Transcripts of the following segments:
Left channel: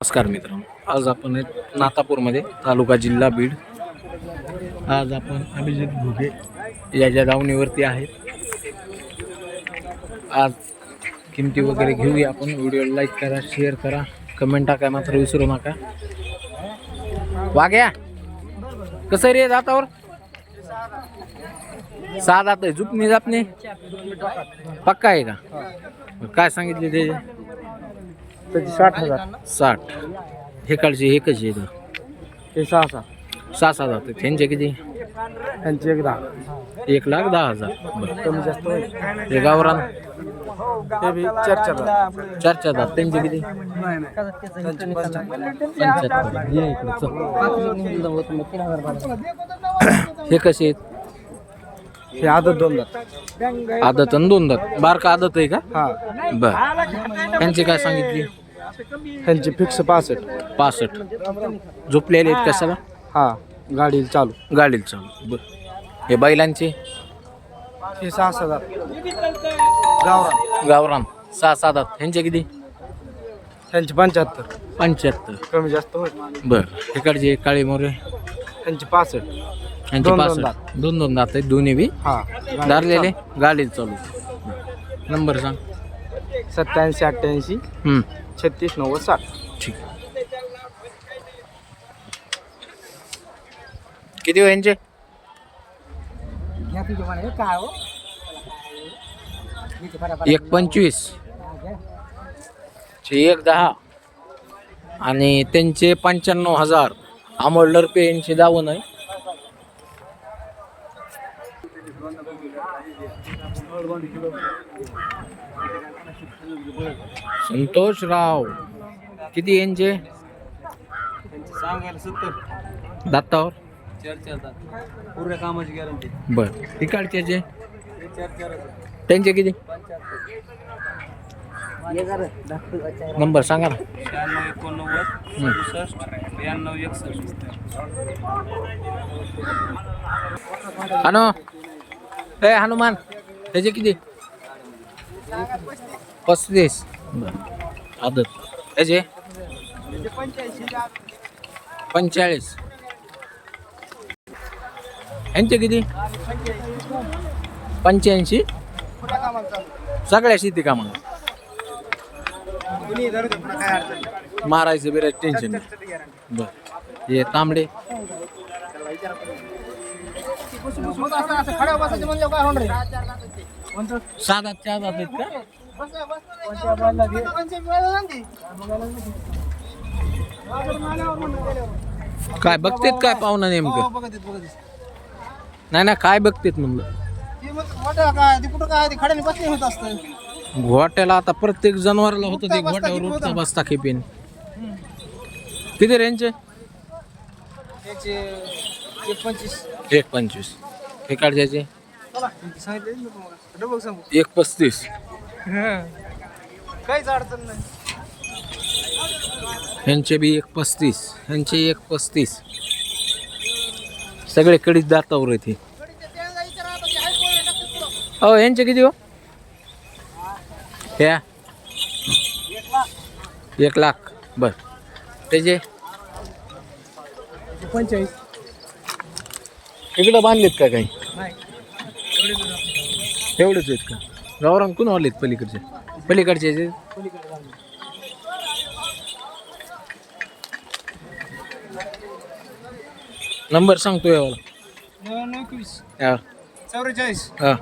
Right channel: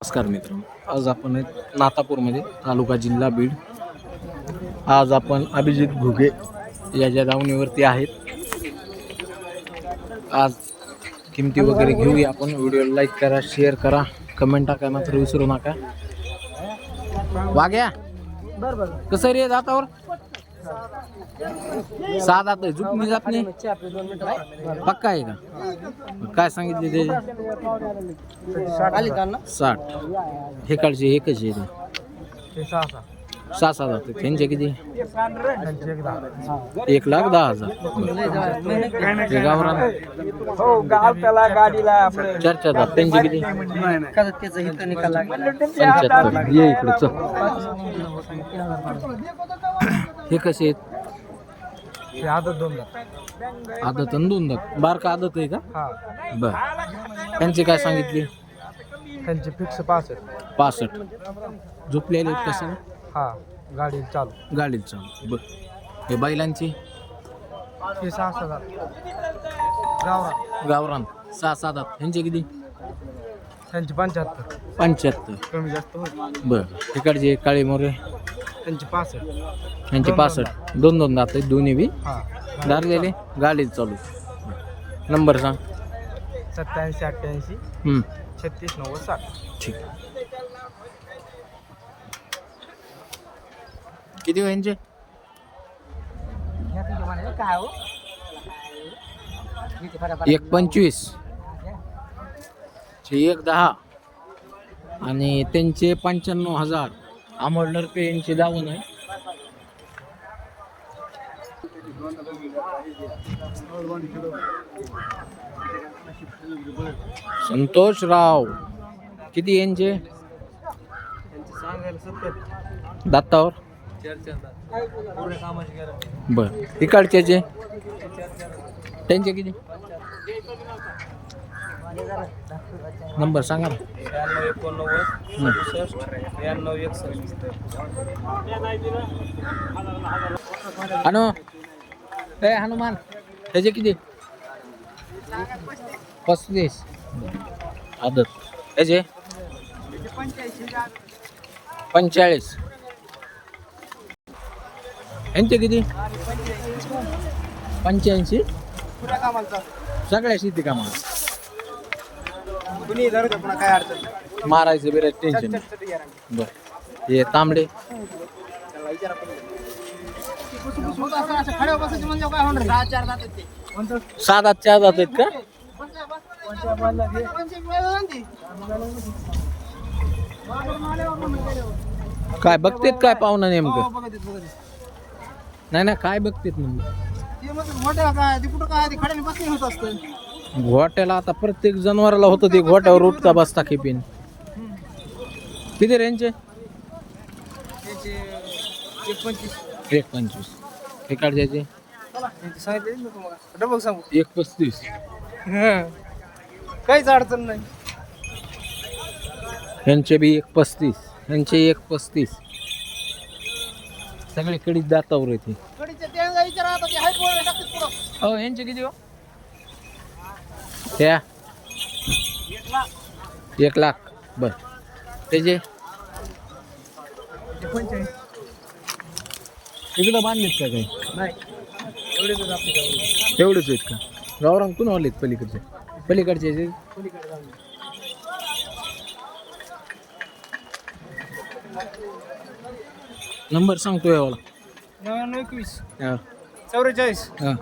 नमस्कार मित्रांनो, आज आपण नातापूरमध्ये तालुका जिल्हा बीड. आज आपण अभिजित घुगे याच्या दावणीवरती आहेत. आज किमती वगैरे घेऊया आपण. व्हिडिओला लाईक करा, शेअर करा, कमेंट टाका मात्र विसरू नका. वाग्या कसं रे दातावर? 6 दात आहे. झुपणी जापणी पक्का आहे का? काय सांगितले ते? 60. हे काळचे एकच आहे. 6 दात त्यांचे किती? 1,10,000. हे गावरान 4 दात त्यांचे किती? 75. ये इकडे चल. हे कसे आहेत? हे आदत 2 दात. आदत आणि 2 दात. बारका आदत आहे का? हा. बर. त्यांची काय सांगितली? त्यांची फिक्स 65. 65. झोपलेले आहेत कशाला? हा, गाडीला चालू. गाडीला चालू. बर. हे बैलांचे? हे 6 दात. गावरान गावरान 6 दात. ह्यांचे किती? त्यांची 75. 75. कमी जास्त होईल. बर. इकडचे काळे मोरे? त्यांची 65. ह्यांचे 65. 2 दात आहेत दोन्ही बी. हा, दारलेले गाडीला चालू. नंबर सांग. 87 88 हम्म. 36 90 60. ठीक. किती हो यांचे? 1,25. 1,10 आणि त्यांचे 95,000. अमोल लरपे यांचे दावण आहे. संतोषराव किती यांचे? दातावर बर. इकडचे त्यांचे किती? नंबर सांगा ना. 96 89 92 61. हनु ए हनुमान त्याचे किती? 35. आदत त्याचे 45. यांचे किती? 85. सगळ्या शेती कामाला मारायचं बिरायच टेन्शन नाही. बर. हे तांबडे 6 दात 4 दात आहेत का? काय बघतेत काय पाहुणा नेमकं? नाही काय बघतेत म्हणलं. घोट्याला आता प्रत्येक जनावराला होतं ते. घोट्यावर उठता बसता खेपेन. किती रेंजचे? 1,25. हे काढायचे 1,35. काहीच अडचण नाही. ह्यांचे बी 1,35. ह्यांचे 1,35. सगळे कडीच दातावर येते. हो ह्यांचे किती हो? ह्या 1,00,000. बर. त्याचे 45. इकडं बांधलेत का काही? एवढेच आहेत का? गावरान कोण आलेत पलीकडचे? पलीकडचे नंबर सांगतो यावाला. 99 हा 44 हा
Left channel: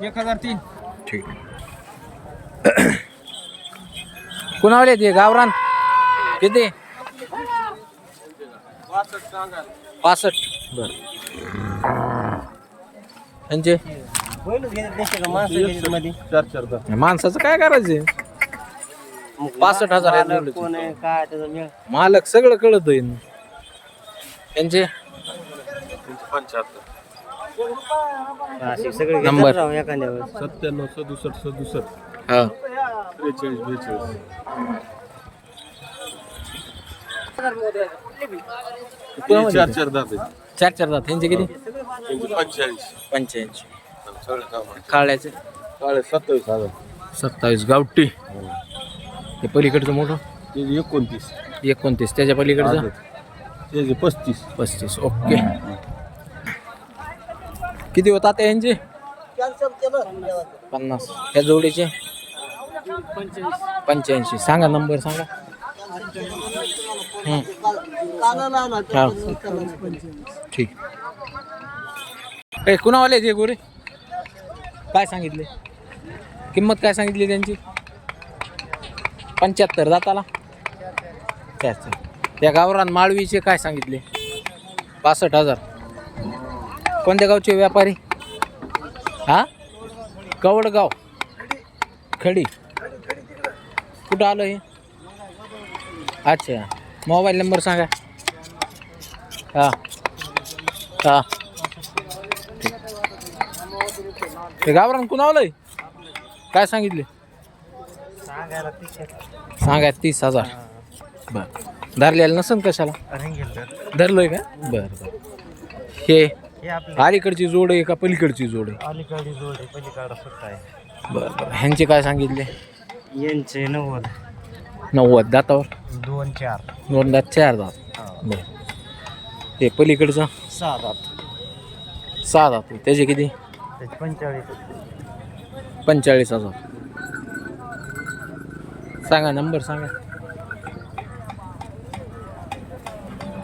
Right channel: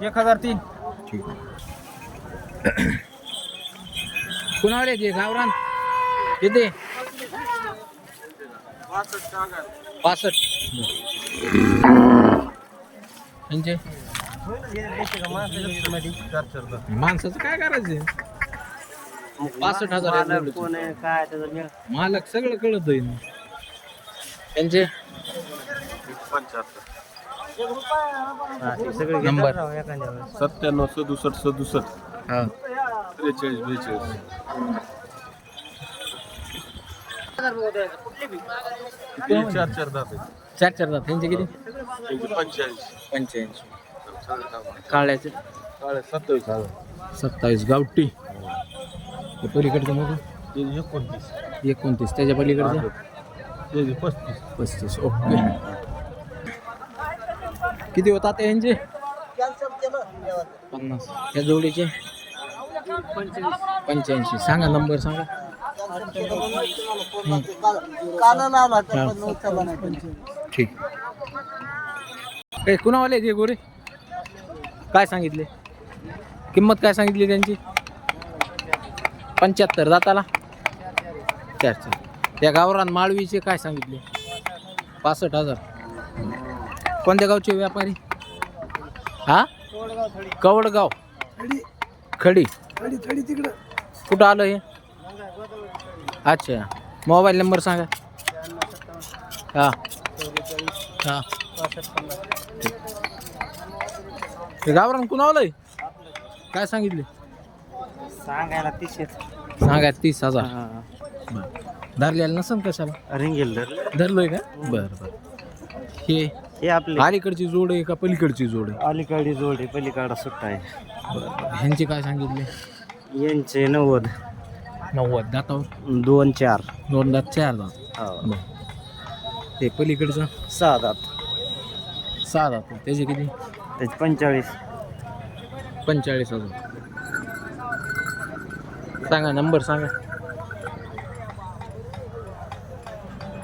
1003. ठीक आहे. कोण आले ते गावरान? किती? 65. बर. त्यांचे माणसाचं काय करायचं? 65,000 मालक सगळं कळत आहे. त्यांचे नंबर 97 67 67. हा 43 42. 4 दात. 4 दात. त्यांचे किती? 85. काळ्याचे 27,000. 27. गावठी. हे पलीकडचं मोठं 29. 29 त्याच्या पलीकडचं त्याचे 35. 35. ओके. किती होतात यांचे? 50. त्या जोडीचे 85. सांगा नंबर सांगा. हा. ठीक. कुणावाले ते गोरे काय सांगितले? किंमत काय सांगितली त्यांची? 75 दाताला. त्याच त्या गावरान माळवीचे काय सांगितले? 65,000. कोणत्या गावचे व्यापारी? हा, कवडगाव. खडी. कुठं आलं हे? अच्छा. मोबाईल नंबर सांगा. हा हा. ठीक. हे गावरान कुणावलंय? काय सांगितले? सांगा 30,000. बर. धरलेलं नसन कशाला? रिंगेल धरलोय का? बर बर. हे हे आपले अलीकडची जोड आहे का पलीकडची जोड आहे? अलीकडे जोडी पलीकडा सुट्टा आहे. बर बर. ह्यांचे काय सांगितले? यांचे 90 90 दातावर. 2-4 2 दात 4 दात. बर. हे पलीकडचं 6 दात 6 दात. त्याचे किती? त्याचे 45. 45,000. सांगा नंबर सांगा.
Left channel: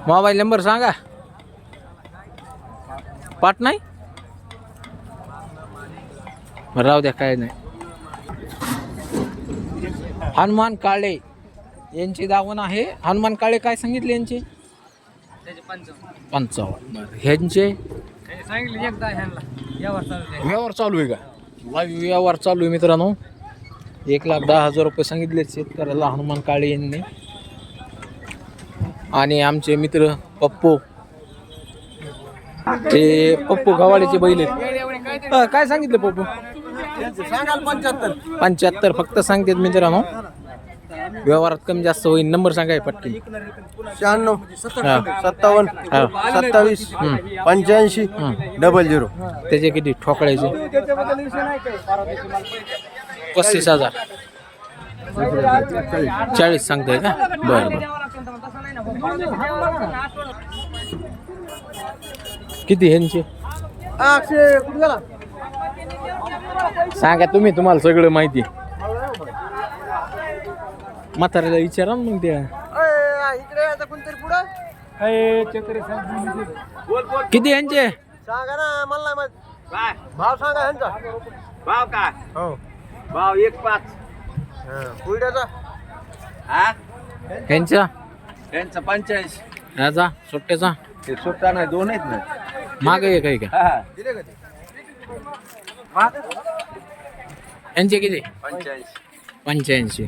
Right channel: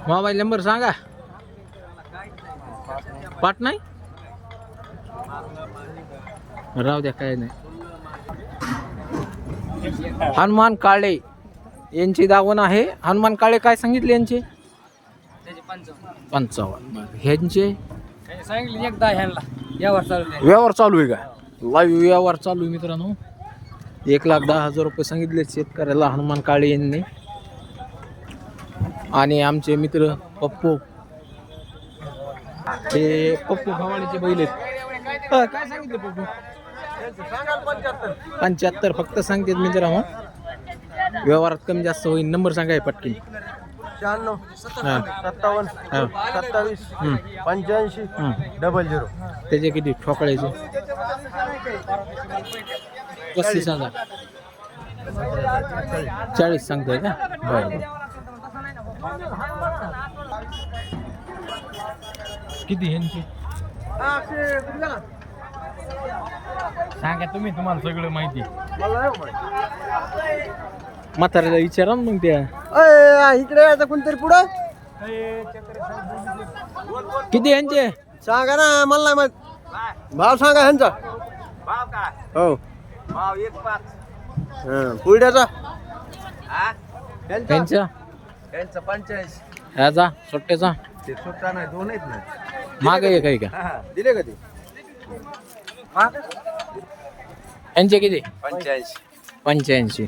मोबाईल नंबर सांगा. पाठ नाही? राहू द्या, काय नाही. हनुमान काळे यांची दावण आहे. हनुमान काळे काय सांगितले यांचे? 55. बरं. ह्यांचे व्यवहार चालू आहे का? लाईव्ह व्यवहार चालू आहे मित्रांनो. 1,10,000 रुपये सांगितले शेतकऱ्याला हनुमान काळे यांनी. आणि आमचे मित्र पप्पू, ते पप्पू गव्हाळीचे बैल आहेत. काय सांगितले पप्पू? 75 फक्त सांगतात मित्रांनो. व्यवहारात कमी जास्त होईल. नंबर सांगाय पटकीन. 96 हां 57 हां 27 हं. 85 हं. 00. त्याचे किती ठोकळ्याचे? 35,000. 40 सांगताय का? बरं बरं. किती ह्यांचे सांगा तुम्ही? तुम्हाला सगळं माहिती. म्हाताऱ्याला विचारा ना मग. त्या इकडे आता कोणतरी पुढं किती ह्यांचे सांगा ना. मला नाही माहित. भाव सांगा ह्यांचा. भाव काय? हो. भाव 1.5. कुरड्याचा ह्यांचा? यांचं 85. ह्याचा सुट्ट्याचा ते सुट्टा नाही, 2 आहेत ना. मागे एक आहे का? दिले का ते? यांचे किती? 85. 85.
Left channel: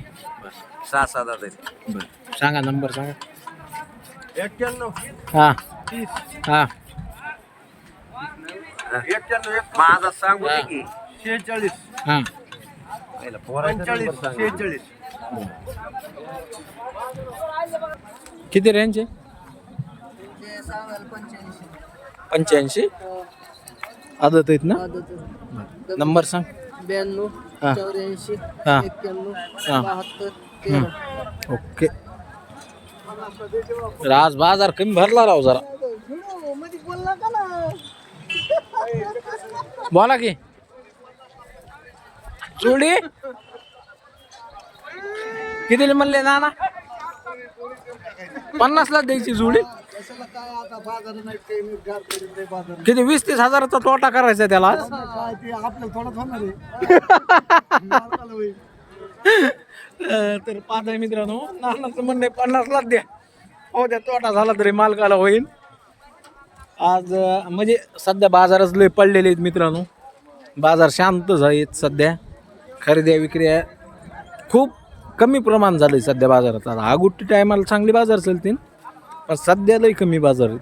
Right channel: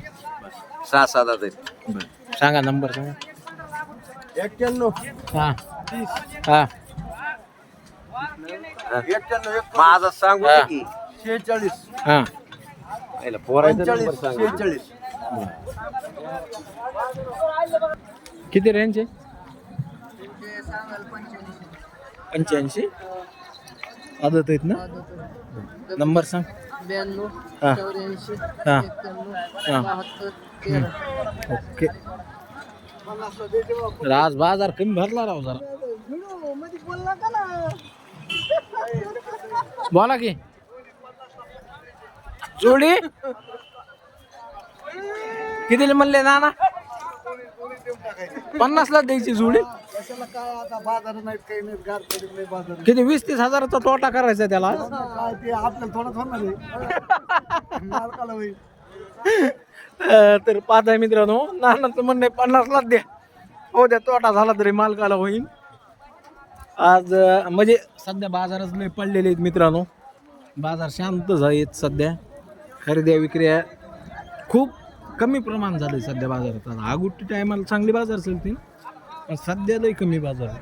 6-7 आहेत. बरं. सांगा नंबर सांगा. 91 हां 30 हां 91 माझं सांगू हा. की 46 हां. 45 46. किती रेंजचे? 85. आदत आहेत ना? बरं. नंबर सांग. 92 हां 84 हां 91 हां 72 ओके. आज बाजार कमी भरला राव जरा. बोला की. जोडी कितीला म्हणले ना? 50ला द्यायची जोडी. किती 20-30 हजाराचा तोटा करायचा त्याला आज. तर पाहताय मित्रांनो, नानाचं म्हणणे 50लाच द्या. हो द्या, तोटा झाला तरी मालकाला होईल. आज म्हणजे सध्या बाजारच लय पडलेले आहेत मित्रांनो. बाजार शांतच आहेत सध्या. खरेदी विक्री खूप कमी प्रमाण झालं आहे सध्या बाजारात. आता आगुट्टी टायमाला चांगली बाजार चालतील, पण सध्या लय कमी बाजार आहेत.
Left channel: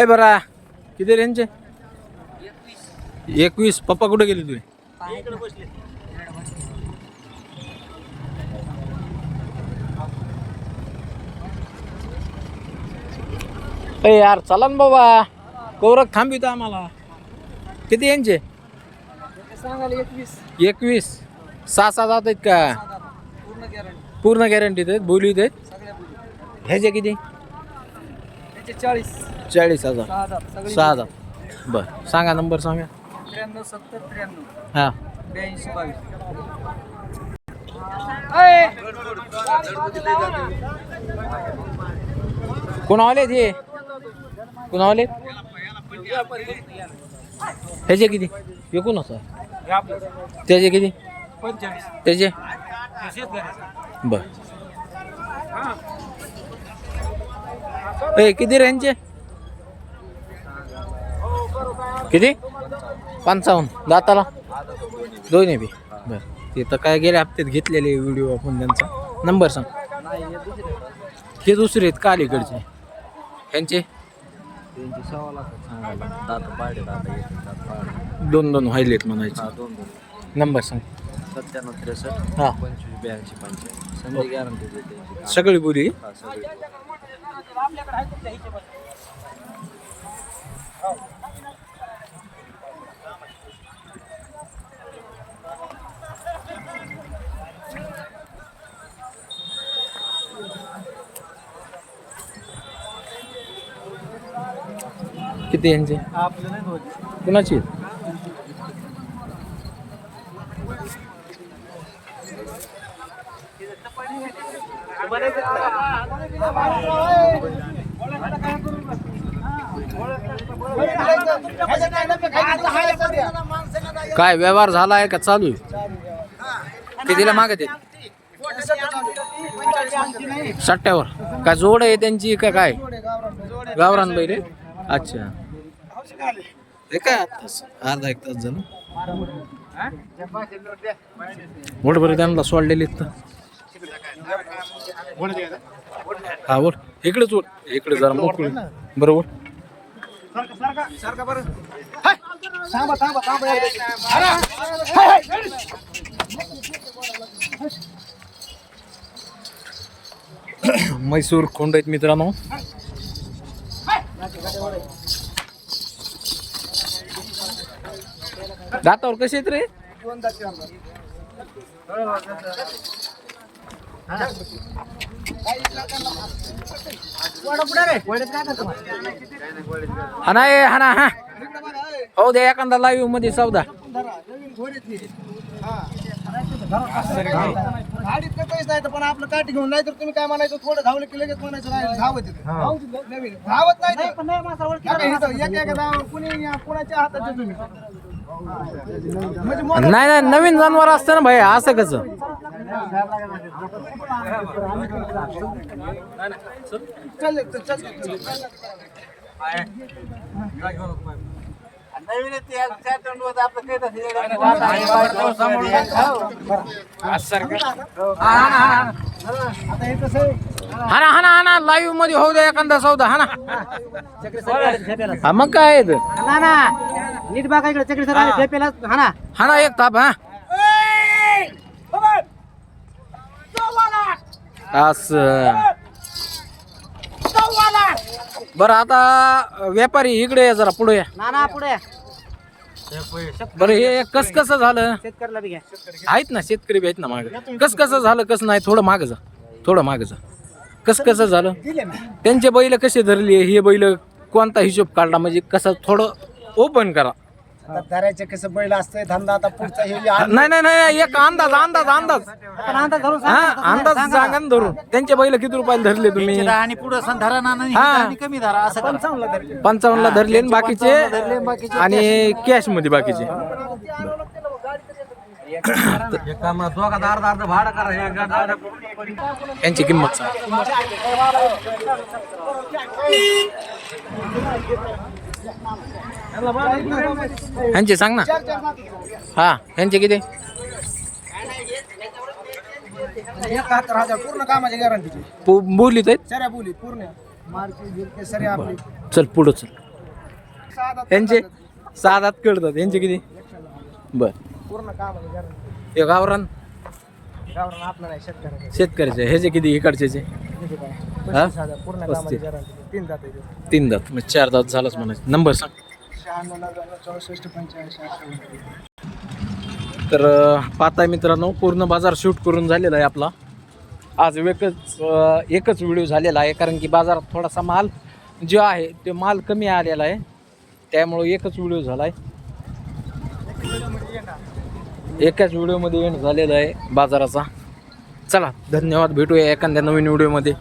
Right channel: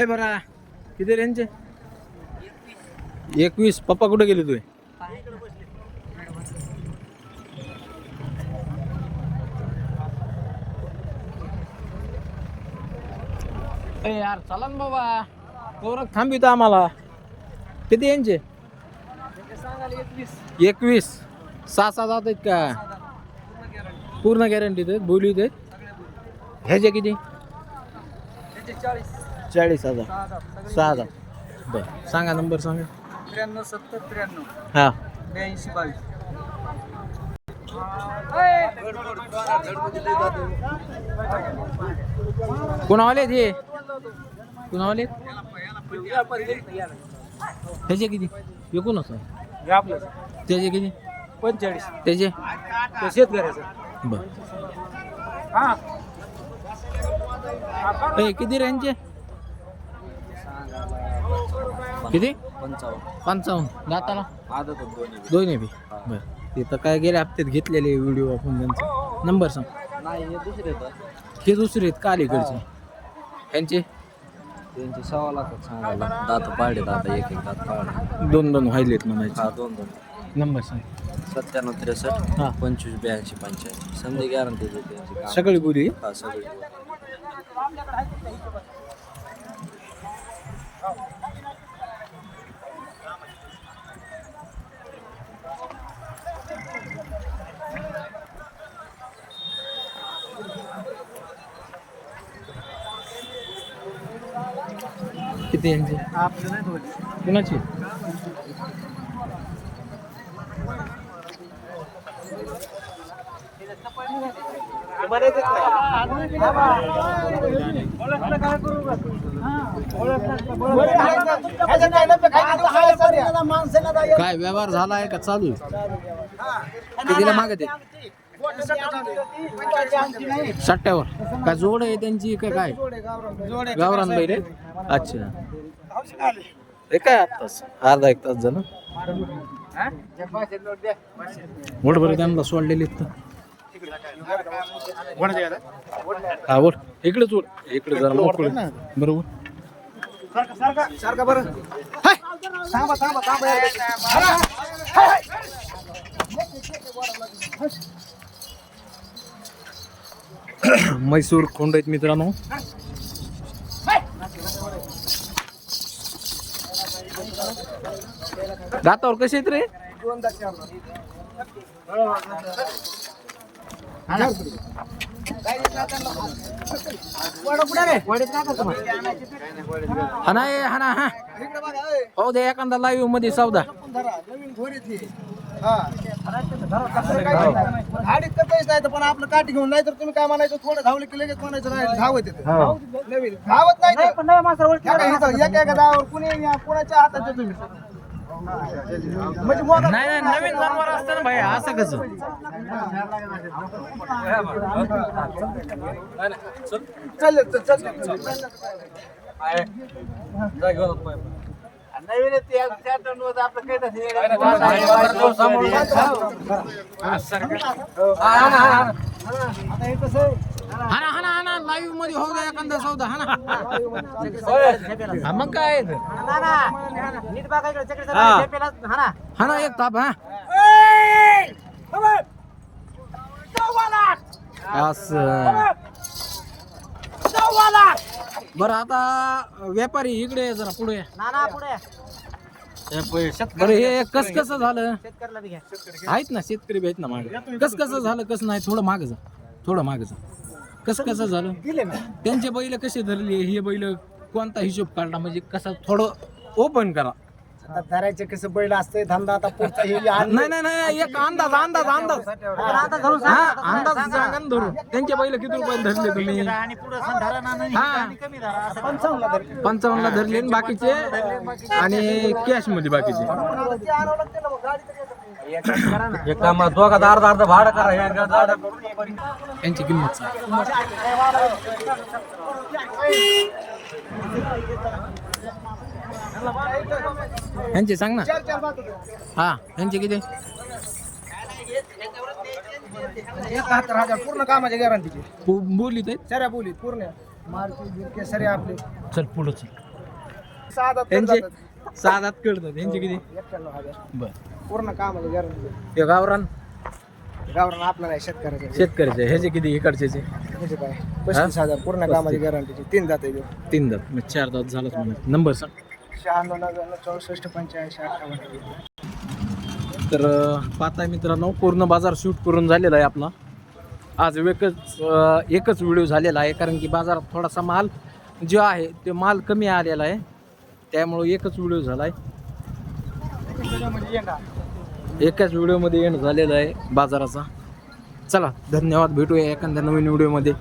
ए बरा किती रेंजचे? 21. पप्पा कुठे गेले तुझे? ए यार चला ना बाबा, कौरक थांबित आम्हाला. किती यांचे? सांगायला 21 21. 6 जात आहेत का? पूर्ण गॅरंटी पूर्ण गॅरंटीत आहेत, बोलीत आहेत. सगळ्या बोली ह्याचे किती? त्याचे 40 40,000. 6,000 6,000. बरं सांगा नंबर सांगा. 93 70 93 हां 82 22. कोणा आलेत हे? कोणा आलेत? ह्याचे किती? एकूणच आहे. त्याचे किती? 45 त्याचे शेतकऱ्याचं बर. ए किती रेंजचे? किती? 55. दाताला दोन्ही बी. बर ते तर काय गेल्या हप्त्यात घेतलेले व्हिडिओ आपण त्यांचा. नंबर सांग. हे दुसरे आहेत का अलीकडचे? ह्यांचे त्यांची 6 लाख सांगायला. दात पाडे दात एक दात पाडे. 2 व्हायलेत म्हणायचे. 2 नंबर सांग. 97 63 हां 25 82 85 संधी गॅरंटी देते. सगळी बोली. हा सगळी. किती यांचे? आपली नाही दोन्ही कुणाची? काय व्यवहार झाला आहे का चालू आहे? कितीला मागत आहे? 60वर. का जोड आहे त्यांची का काय? गावरान बैल आहे? अच्छा. हे काय आताच अर्धा 1 तास झालं. वड बरं त्यांना सोडलेली हा वड इकडेच वड. इकडे जरा मोकळ बरोबर. म्हैसूर खोंड आहेत मित्रांनो. दातावर कसे आहेत रे? 2 दात 4 दात. हाना हाना हा हो दे एखादा लाईव्ह मध्ये सौदा. गाडीत पैसे नाही पण आपलं काठी घेऊन नाही तर तुम्ही काय म्हणायचं थोडं धावलं की लगेच म्हणायचं नाही धावत येते. नवीन धावत नाही पण नाही माणसावर एका धावावर कुणी कोणाच्या हातात तुम्ही म्हणजे नाही नाही नवीन जनावर असतं ना भाई असं कसं? हाना हाना हाना लाईव्ह मध्ये होऊ द्या एखादा सौदा हाना. हा मग काय आहे ते? नीट बघा इकडे चक्री सर हाना हाना एक ताप हा. असं बरं आता व्यापारी इकडे या जरा पुढे या. नाना पुढे बरं हे कस कसं झालं? शेतकऱ्याला बी घ्या. आहेत ना शेतकरी बी आहेत ना माग. कस कसं झालं कसं नाही थोडं माग जा. थोडं माग जा. कस कसं झालं? दिले ना त्यांचे बैल कसे धरले हे बैल कोणता हिशोब काढला म्हणजे कसं थोडं ओपन करा. आता धरायचे कसं बैल असतंय धंदा आता पुढचा हे नाही नाही नाही एक अंदाज अंदाज अंदाज हा अंदाज सांगा ना धरून. त्यांचे बैल किती रुपयाला धरले तुम्ही? आणि पुढे धरा ना हा कमी धरा असं 55 55ला धरले आणि बाकीचे आणि कॅश मध्ये बाकीचे. यांची किंमत सांग. ह्यांची सांग ना. हा ह्यांचे किती? 71,000 पूर्ण कामाची गॅरंटीची बोलीत आहेत. सऱ्या बोली पूर्ण मार्की गिरके सऱ्या आपली चल पुढं चल. यांचे 6 दात कळतात. यांचे किती? 91,000 बर. पूर्ण कामाची गॅरंटी. हे गावरान गावरान आपलं नाही शेतकऱ्याचे शेतकऱ्याचे ह्याचे किती? इकडचे 35,000 पूर्ण कामाची गॅरंटीची 3 दात आहे. 3 दात म्हणजे 4 दात झालंच म्हणायचं. नंबर सांग. 96 99 64 85 58. तर पाहताय मित्रांनो पूर्ण बाजार शूट करून झालेला आहे आपला. आज एकच व्हिडिओ झालेला आहे कारण की बाजारात थोडासा माल जो आहे ते माल कमी आलेला आहे, त्यामुळं एकच व्हिडिओ झाला आहे. एकाच व्हिडिओमध्ये एंड झालेला आहे बाजाराचा. चला धन्यवाद, भेटूया एखाद्या नवीन व्हिडिओमध्ये.